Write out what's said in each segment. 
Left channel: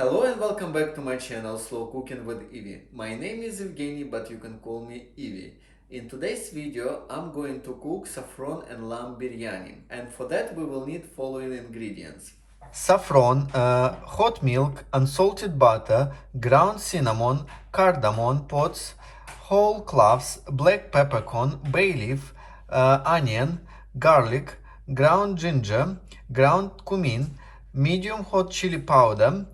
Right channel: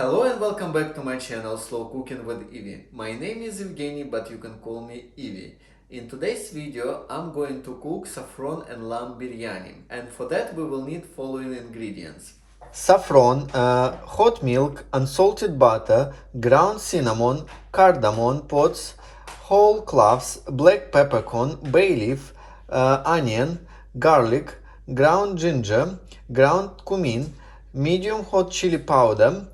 Hello and welcome back to my channel Slow Cooking with Evie. My name is Evgeny, but you can call me Evie. In today's video I'm going to cook saffron and lamb biryani, and for that we will need following ingredients. Saffron, hot milk, unsalted butter, ground cinnamon, cardamom pods, whole cloves, black peppercorn, bay leaf, onion, garlic, ground ginger, ground cumin, medium hot chili powder,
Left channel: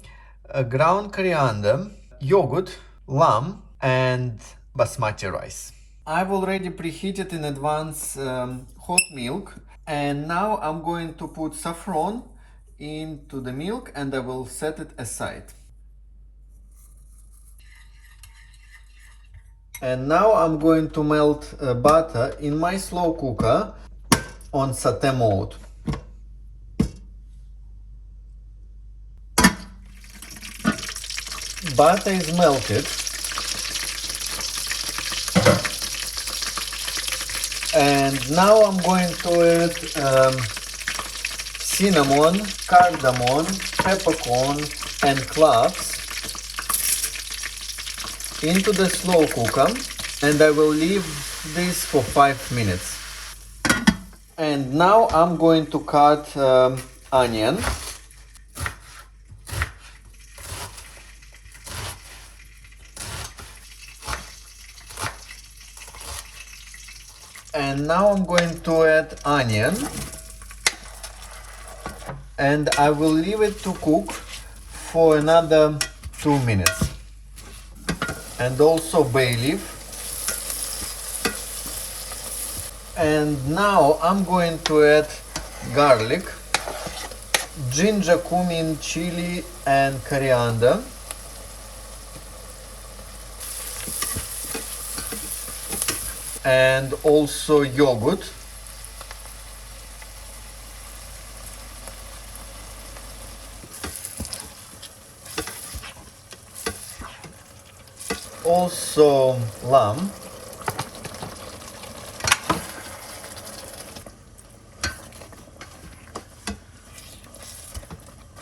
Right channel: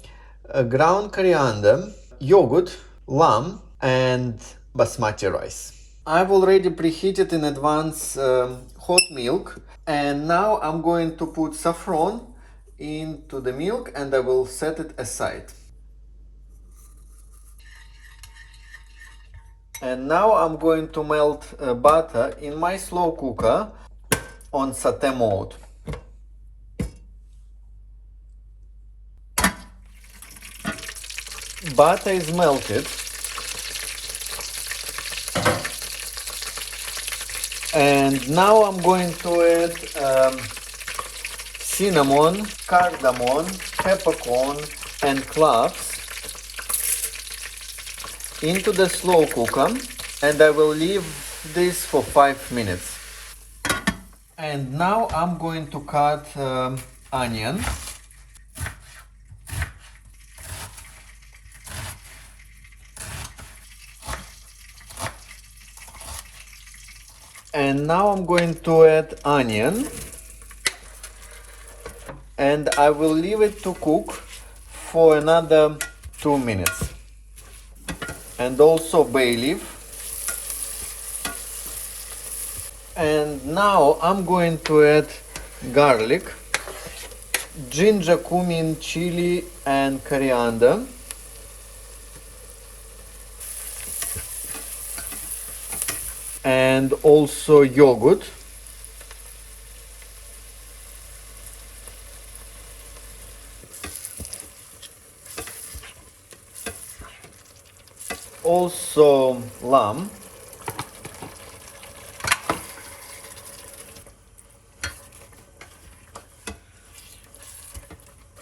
ground coriander, yogurt, lamb, and basmati rice. I've already preheated in advance hot milk, and now I'm going to put saffron into the milk and I will set it aside. And now I'm going to melt butter in my slow cooker on saute mode. Butter is melted, and now I'm going to add cinnamon, cardamom, peppercorn, and cloves into the slow cooker, and I will leave this for 5 minutes. And now I'm going to cut onion. And now I'm going to add onion, and I will leave it to cook for another 2 minutes. And also bay leaf. And now I'm going to add garlic, ginger, cumin, chili, and coriander. And also yogurt. Also lamb.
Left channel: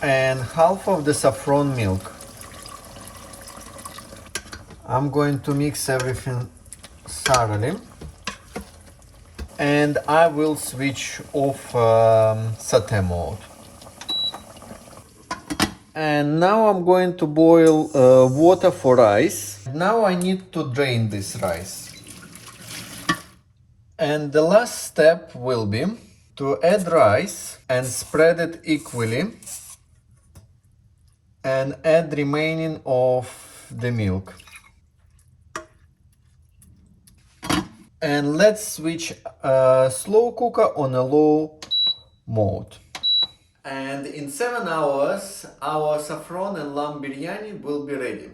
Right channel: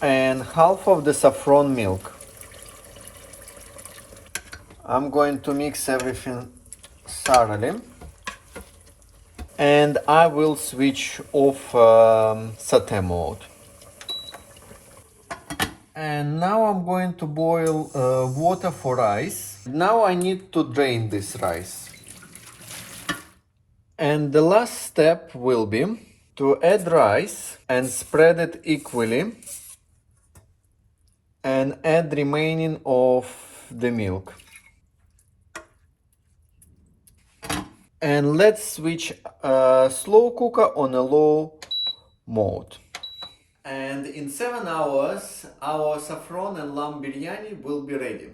And half of the saffron milk. I'm going to mix everything thoroughly. And I will switch off saute mode. And now I'm going to boil water for rice. Now I need to drain this rice. And the last step will be to add rice and spread it equally and add remaining of the milk. And let's switch slow cooker on a low mode. And in 7 hours, our saffron and lamb biryani will be ready.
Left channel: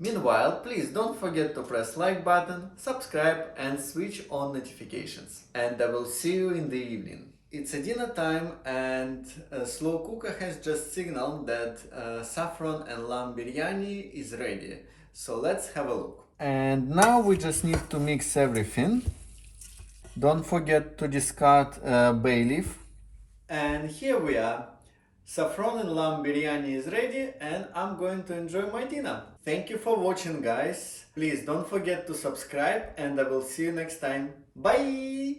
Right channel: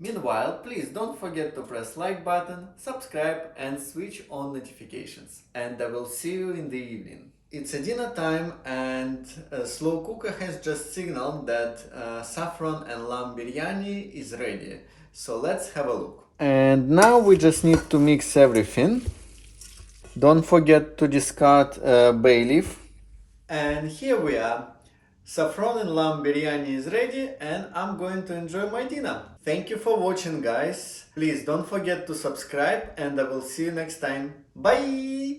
Meanwhile, please don't forget to press like button, subscribe and switch on notifications. And I will see you in the evening. It's a dinner time, and slow cooker has just signaled that saffron and lamb biryani is ready. So let's have a look. And now we just need to mix everything. Don't forget to discard bay leaf. And here we are. Saffron and lamb biryani is ready, and I'm going to enjoy my dinner. Thank you for watching, guys. Please don't forget to subscribe, and I will see you next time. Bye!